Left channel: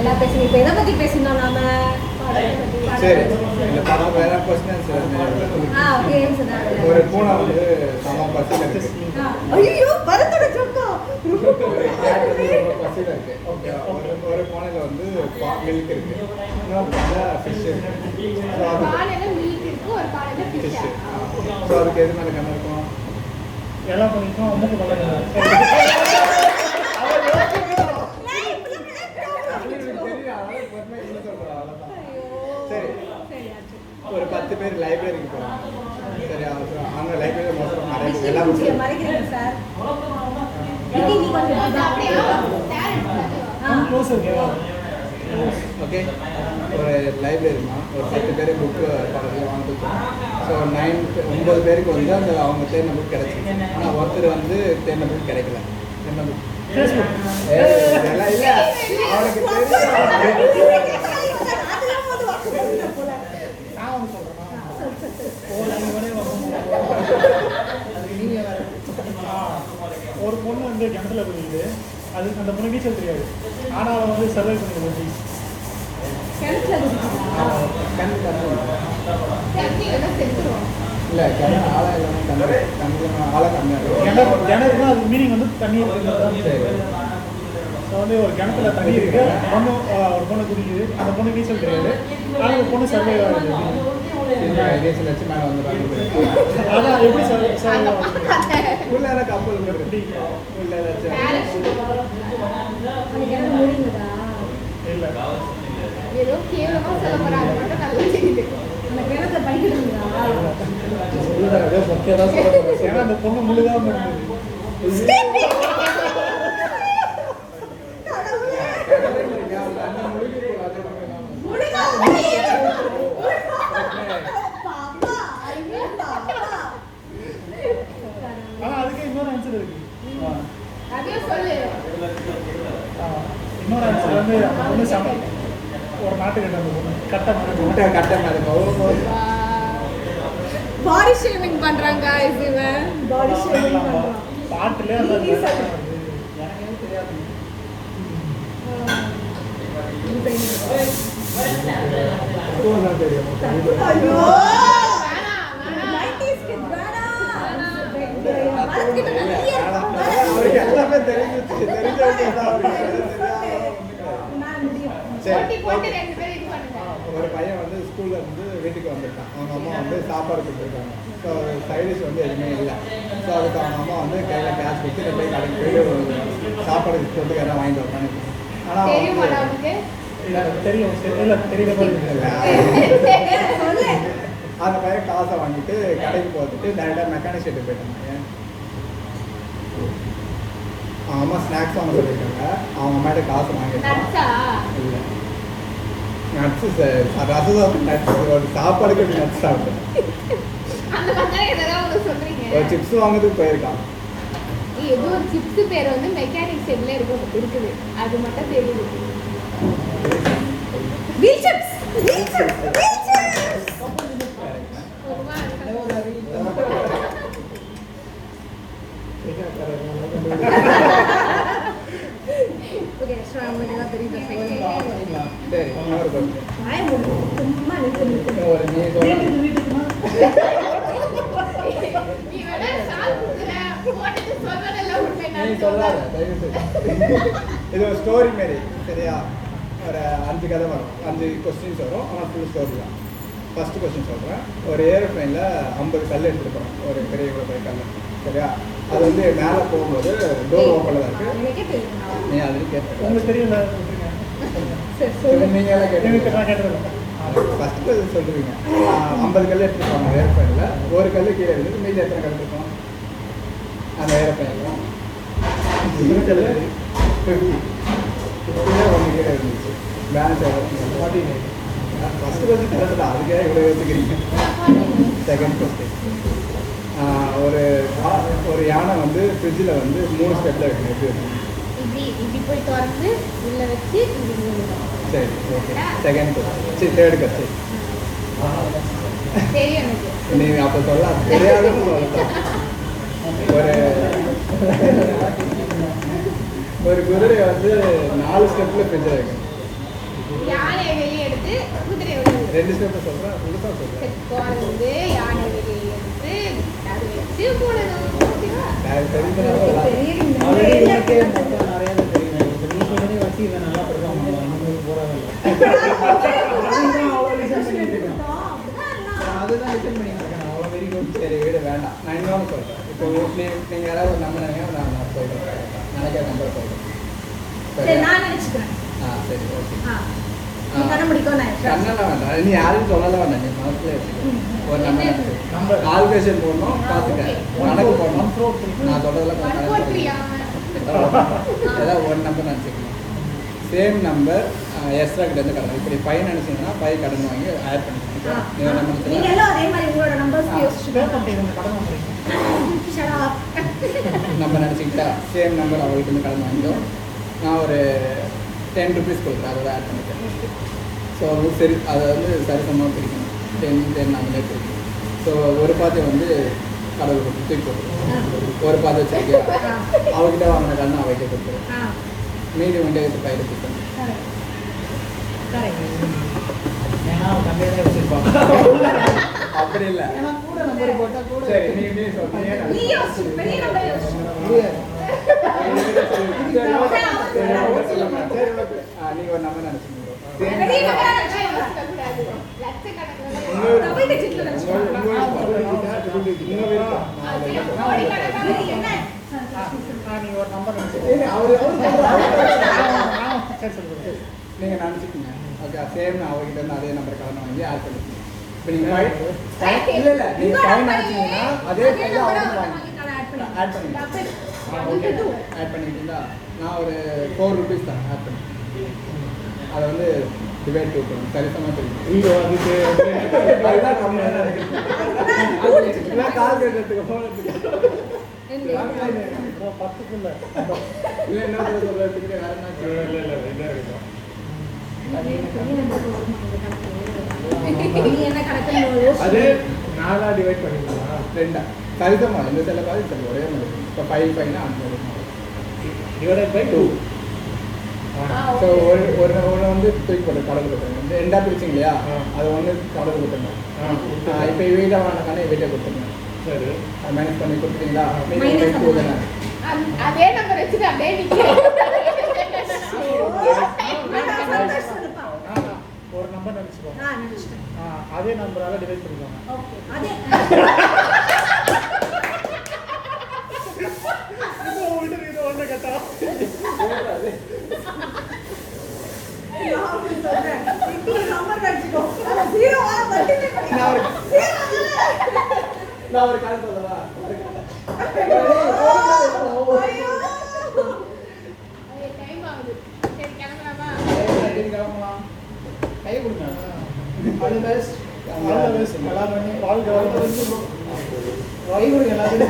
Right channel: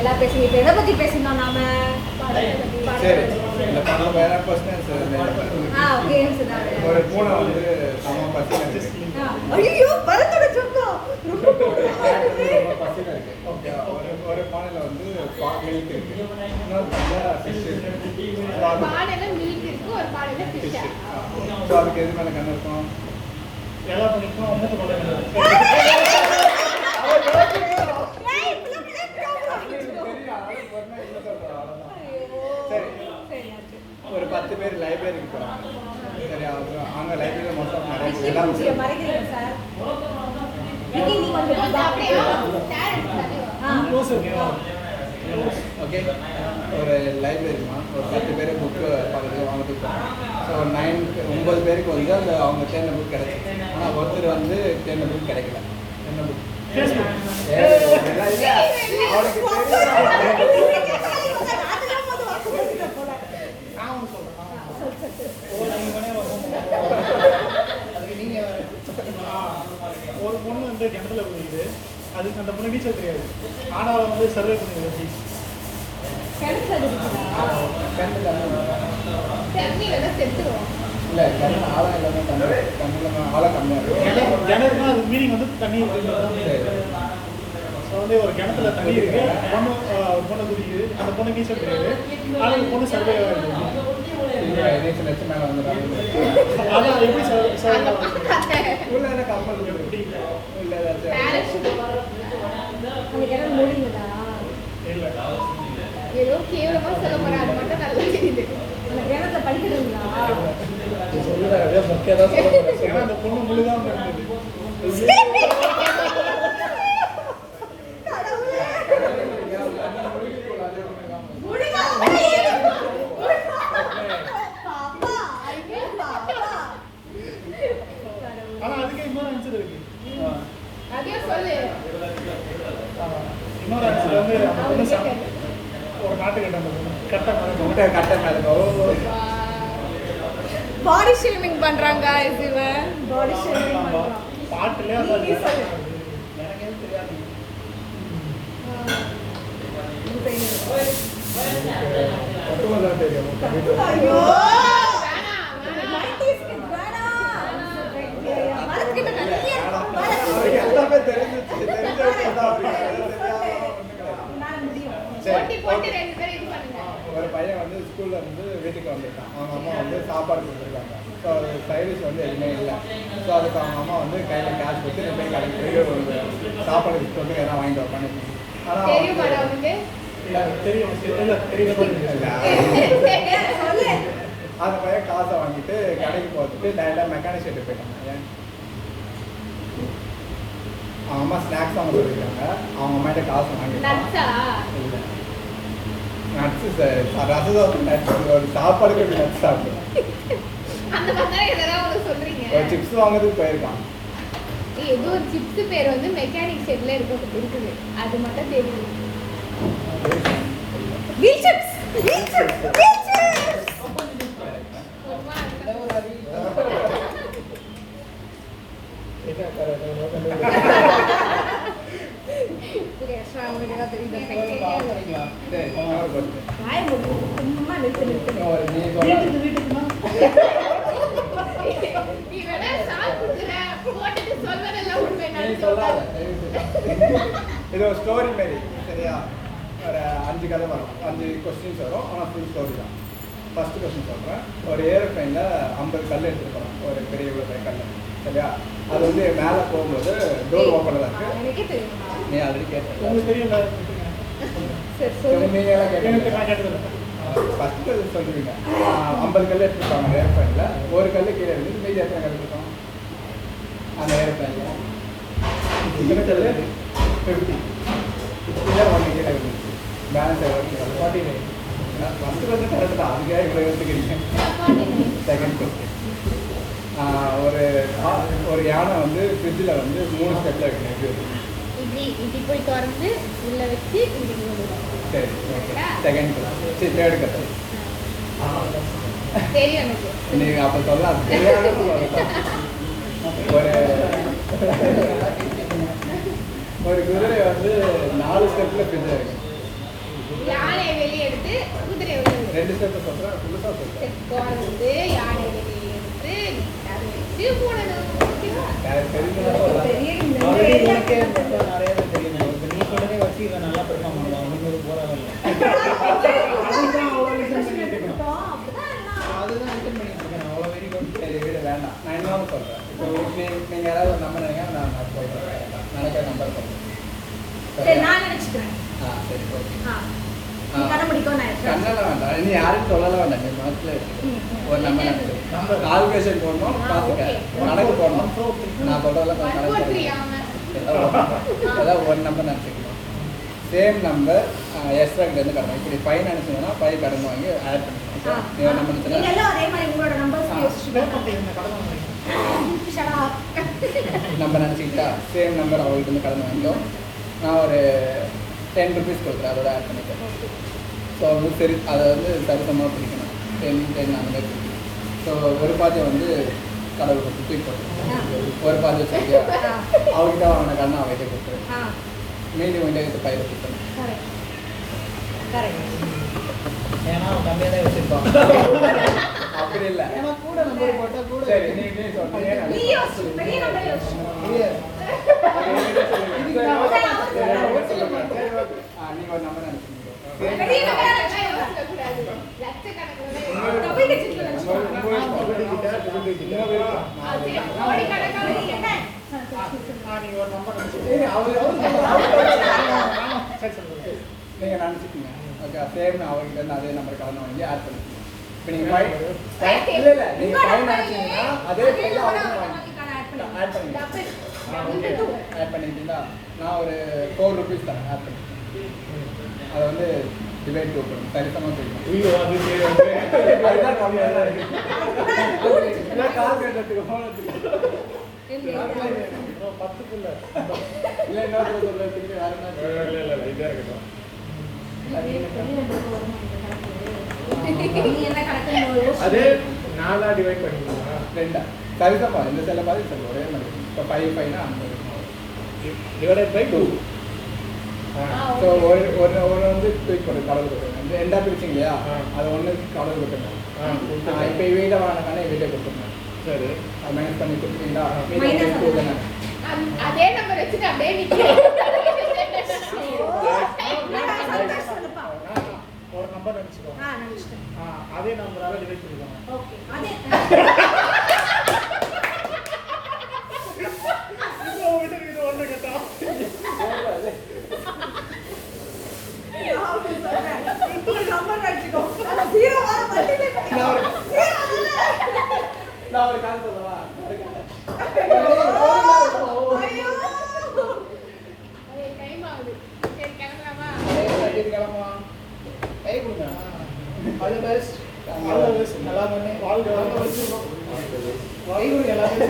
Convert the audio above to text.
எல்லாம் பேசுங்க. இப்போ எதை பற்றி பேசணும் நாம? சரி, இந்த படம் வேற கொஸ்டின் ஒரு பூனை வந்து சம பசியில் இருக்கு. ஐயோ மரத்தோட சொந்தம் ரொம்ப பசியில் இருக்கு. ஓகே, ஒரு பானையில் வந்து மில்க் இருக்கு, இன்னொரு பானையில் ஃபிஷ் இருக்கு. ஸோ அது ஃபிஷ். ஸோ அதுக்கு எது மேலே கண்ணு இருக்கும்? எல்லா பண்ணிக்கும் அம்முக்கு மேலே கண்ணு இருக்கும். சரி, ஒரு 10 பேர் லைப்ரரிக்கு போகிறாங்க. சரி, அங்கே லைப்ரரியில் மோஸ்ட் ஆஃப் நிறைய எல்லாம் ஓகே. ஒரு லைப்ரரிமா ஒரு 10 பேர் புக்கு பக்கத்தில் வாங்கிட்டு போகிறாங்க. ஸோ 9 பேருக்கு வந்து அந்த அவங்க தேர்ந்த புக் கிடைச்சிச்சு. ஆனால் ஒருத்தர் வந்து தேர்ந்த புக் கிடைக்கல. என்ன புக்? எல்லாம் இல்லை, அவனுக்கு தெரியும். நான் ஒன்று சொல்கிறேன், அதுக்கு நீங்கள் வேறு. ஒரு பொண்ணு வந்து கிணத்துல குதிக்குது, அதுக்கு அந்த பொண்ணு நீச்சல் தெரியாது, ஆனால் அவன் வந்து சர்வை பண்ணிடுது. இல்லை, கிணறு ஆழம் இல்லாமல் தண்ணியில் ஆழம் கம்மியாக இருக்கும். கிணறுனா அது மீனிங் வந்து தண்ணி இருக்குன்றது தான். ஸோ வந்து ஒரு கிணத்துல தண்ணி இருக்கு, பொண்ணு ஒரு பொண்ணு குடிக்குது, அந்த பொண்ணு நீச்சல் தெரியாது, ஆனால் அந்த பொண்ணு சர்வை ஆகிடுது. நீச்சல் வச்சு மேலே வந்துடுறாங்க. அதான் எப்படி சர்வை உள்ளே கப்பல் எப்படி உள்ள ஏதாச்சும் இல்லை ஏன்னா அந்த பொண்ணு முழுகாம இருந்தது. ஆனா அதுக்கே இன்னொரு ஆன்சர் இருக்கு. இன்னொரு ஆன்சர் வந்து அந்த பொண்ணு ஒரு நாட்டுக்கிட்ட அந்த பொண்ணு கட்ட மேலே பாடி ஷேமிங் பண்றாங்க. பாடி ஷேமிங் பாட்டுல அந்த தெரியாது. ஒரு பையன் வந்து ஸ்கூல்ல இருந்து வீட்டுக்கு வந்திருக்கான். அவங்க அம்மா வந்து சாப்பாடு கொடுத்துருக்காங்க. ஸோ சைடிஷ் வந்து எதுவுமே இல்லை. ஸோ அதுக்கு அவங்க அம்மா வந்து கையில் கேஷ் கொடுத்து நீ போய் கடைக்கு போயிட்டு ஒரு சாப்பாடு கொடுத்துட்டு எதாவது வாங்கிட்டு வரப்பான்னு. ஆனால் தெரியும் இல்லை தெரியல அந்த பையன் காசை வாங்கிட்டு கடைக்கு போகிறதுக்கு டைரெக்டாக மெக்கானிக் ஷெட்டு போயிட்டாங்க. ஏன் அவங்க அம்மா ஸ்நாக்ஸ் அவங்க சொல்லியிருக்காங்க. அவங்க அம்மாட்ட காசு வாங்கிட்டாங்க. இல்லை நட்ஸு சார், ரசம் நட்ஸ். ஒரு சாப்பாடுக்கு எப்படி நட்ஸ் சாப்பிடுவேன்? ஒரு சிப்ஸ் வாங்குறதுக்கு போயிருக்கான். ஏதோ ஒரு சிப்ஸ் பேர் வந்து மெக்கானிக் செட்ல இருக்குது, அது மட்டும் தெரியும். Wheel chips, wheel chips, wheel chips. Okay, extra உங்களுக்கு ஏதாவது தெரியுதா? சரி, இன்னொரு question. வாய் மூடு, சும்மா நிறுத்து. ஒரு நீ வீட்டுக்குன்னா நீ சொல்லாத, இது ஒரு ஸ்டோரி மாரி. சரியா? ஒரு 5 கதை வரும், 5 கொஸ்டின்ஸ் வரும். ஆனால் ஃபுல் ஸ்டோரி தான். ஃபஸ்ட்டு கொஸ்டின் சொல்கிறேன். ஒரு ஏரோப்ளைனில் 50 கல் எடுத்துருப்பாங்க, ஒரு பெரிய கல். சரியா? அது வந்து மேலே போகும்போது டோர் ஓப்பனில் தான் இருக்குது. நீ ஆல்ரெடி கேட்ட உங்களுக்கு தெரியல. நீங்கள் எல்லாம் கேட்டு நான் கேட்டதில்லை. ஃபஸ்ட்டு கல் சொல்லுவீங்க. 50 கல் எடுத்துருப்பாங்க ஏரோப்ளைனில். ஒரு கல் கீழே இருக்குது, மீதி எத்தனை கல் இருக்கும் அந்த ஏரோப்ளைனில்? 50. 50 ஒன்று கீழே இருந்துச்சு. பேலன்ஸ் எவ்வளோ? ஃபஸ்ட்டு கொஸ்டின் கரெக்டு தான். அதுக்காக இவ்வளோ எடுத்துக்கிறீங்க. Second question. ஒரு யானை வந்து ஃப்ரிட்ஜில் வந்து 3 ஸ்டெப்பில் வைக்கணும். எப்படி இருக்கும்? சரி, ஓகே. Second question. சரி, தேர்டு கொஸ்டின். நீங்கள் அப்போ சொல்லாது, தெரியாத ஒரு குதிரை வந்து 4 ஸ்டெப்பில் ஃப்ரிட்ஜில் வைக்கணும். யானை வெளியே எடுத்து குதிரை வெளியே எடுத்து. ரெண்டு ஸ்டெப் சொல்றேன், புதுசா சொல்றேன். இப்போ வந்து யானை வெளியே எடுத்து அதை வச்சு போடணும். ஓகேவா? தெரிஞ்சுனா சொல்லலாம். ஆல்ரெடி உனக்கே மொத்தம் நிறைய தான் தெரியும். இப்ப நீ சொல்றதே வச்சு இவன் நல்லா பெர்ஃபார்ம் பண்ணுவான். உங்களுக்கு போறதில்ல. அதுதான் அவ்வளோ லிசன் பண்ணிட்டு இருக்கேன். அதுதான் லிசன் பண்ணிட்டு இருக்கேன். அவ்வளோ வெரி குட். சரி வீடு வேண்டாம். நான் இன்னொன்று சொல்றேன். இப்போ நீங்க யாராவது ஒரு நம்பர் நினைங்க, நான் சொல்றேன். நினைக்கிற நம்பர் சொல்றேன். சரி நான் நினைச்சுக்கிறேன். சரி ஓகே. நீ கண்ண முடிக்கும் நான் இருக்கேன். கண்ணெல்லாம் வேண்டாம். நீ யாரும் சொல்லலாம் வேண்டாம். நீ மனசுல வச்சுக்க. ஒரு நம்பர் நினைச்சு. நம்பர் கால்குலேஷன் போடணும், பார்த்துக்க. கணக்கு போடணும். 1 4 3. நான் சொல்றதெல்லாம் கொஞ்சம் 1 4 3 கணக்கு ஏதாவது ஒரு நம்பர் நினச்சிக்கலாம். சேம் நம்பர் எக்ஸ்ட்ரா கிட்டேருந்து கடன். இப்படி 5 நினச்சிங்கன்னா 5 கடன் வாங்கி ஆட் பண்ணிக்கலாம். நீங்க நம்பர் நீங்க நினச்சிக்கலாம். எல்லாம் அதே மாதிரி உங்களோட நம்பர்ஸ் பே யோசிச்சுக்கோங்க. பண்ணிட்டு கடன் வாங்குறீங்க. Shut up. நம்ம நினச்சிக்கிட்டா சேம் நம்பர் அவங்களுக்கு வந்து கடன் வாங்கிடும். நான் ஒரு 10 ருபீஸ் கொடுக்குறேன், அதோட ஆட் பண்ணிக்கிறேன். ஸோ சரி, அதை வந்து சரிசமமாக பிரிக்கணும். 10 அந்த மாதிரி பிரிக்கணும். ஸோ ஒரு பாத்தியம் வந்து கடவுள் கொடுத்து தூக்கி போட்டு ஒரு பாத்தியம் வச்சுருக்கியா அவர்கிட்ட வாங்கின கடன் நான் வைக்க கொடுத்து மீதி உங்கள்கிட்ட எடுத்து பயிர் கொடுத்தேன். ஏன்னா அவன் தந்தையிலே வச்சிருப்பான். அப்படி இல்லை. ஏன்னா கூட நம்பர் போட்டா கூட சரி நீ சொல்றீங்க. நீ யோசிச்சு பெரிய நம்பர் யோசிச்சு. நீங்க ஒரு நம்பர் நினைச்சீங்க. பெரிய நம்பர் நினைச்சுக்கோங்க. டபுள் டிஜிட்ல நினைச்சுக்கோங்க. நீ என்ன? நீங்க ஒரு நம்பர் நினைச்சுக்கோங்க. சரி சொல்லுங்க. நீங்க நினைச்சுக்கீங்க. ஓகே சேம் அவர்கிட்ட இருந்து அதே நம்பர் கலந்து வாங்கி ஆட் பண்ணிக்கீங்க. இப்போ நீங்க இல்லை நீங்க 5 நினைச்சீங்கன்னா அதே 5 அவருக்கு வாங்கி ஆட் பண்ணிக்கலாம். ஆட் பண்ணிக்கிட்டீங்களா? நான் ஒரு 4 ருபீஸ் தரேன் ஆட் பண்ணி. அதை வந்து டிவைட் டூ பண்ணுங்க, சரிசமாக தெரியும். அதுதான் கம்மியாக இருக்குது. கால் கட்டுறதுக்கு போனதுக்கு 10க்குள்ள இல்லை என்ன சொல்றதுக்கு யாருன்னா நீ என்ன கணக்குன்னு யோசிச்சு. அது 4ஆ டிவைட் பண்ணிக்கலாம். 2 சரிசமாக இந்த செல்ல பாதி செல்ல ஒரே மாதிரி. இப்போ 5 5னா 50 டிவைட் பை 2. ஸோ ஒரு ஒரு ஒன்று வந்து தூக்கி போட்டு கடவுள் கொடுத்துருங்க. 2ஆ பிரிச்சிங்க இல்லையா, அது ஒன்று கடவுள் கொடுத்துருங்க. இப்போ வீட்டை வாங்கினாக்கானே வீட்டை கொடுத்துருங்க. சரி, அது மைனஸ் பண்ணி கொடுத்துட்டீங்களா? மீதி 2 தானே. அதே நம்பர் வச்சுட்டு அப்படியே நிற்கிறேன். ஒரு நம்பர் நினைச்சுக்கோங்க. நினைச்சிட்டேன். அதே நம்பரால டிவைட் பண்ணிக்கோங்க. ஓகே அதே இது ஒன்று கேட்டா நம்பர் நினைச்சுக்கோ. அது 0 ஆ மல்டிப்ளை பண்ணிக்கோ. நான் ஒரு கால் சொல்லவா? ஐயோ. அது டைம் ஆகுது. சரி கிளம்பலாமா? கை கொடுங்க. All the best. All the best. நல்லா பண்ணி வாழ்க வாழ்க. கை கொடுங்க எல்லாரும்.